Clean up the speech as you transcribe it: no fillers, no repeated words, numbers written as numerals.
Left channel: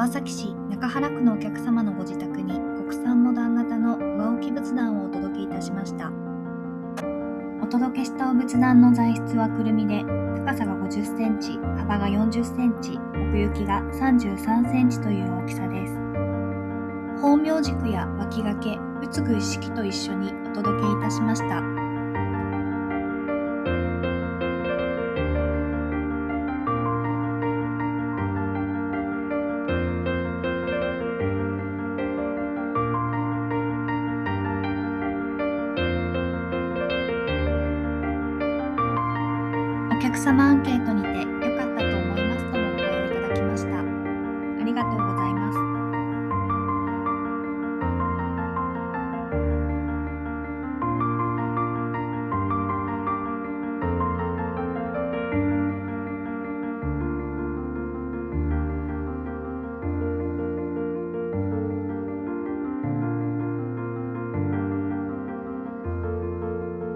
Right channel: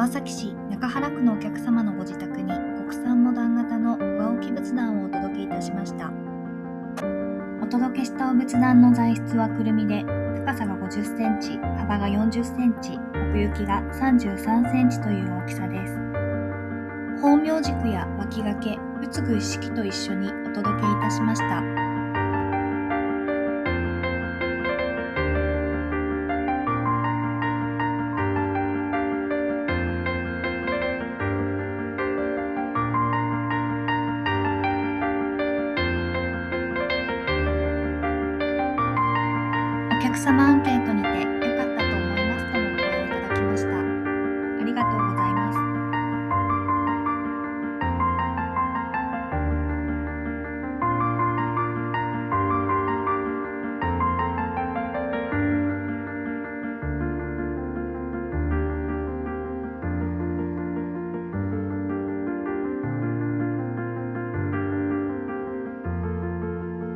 川崎市中原区のお客様のご自宅に国産モダン型の上置き仏壇をお届けいたしました。お届けしたお仏壇の材質はくるみで、高さが50センチ、幅が40センチ、奥行きが33センチという大きさです。宝明軸や脇掛け、仏具一式と一緒にお届けいたしました。お客様アンケートにて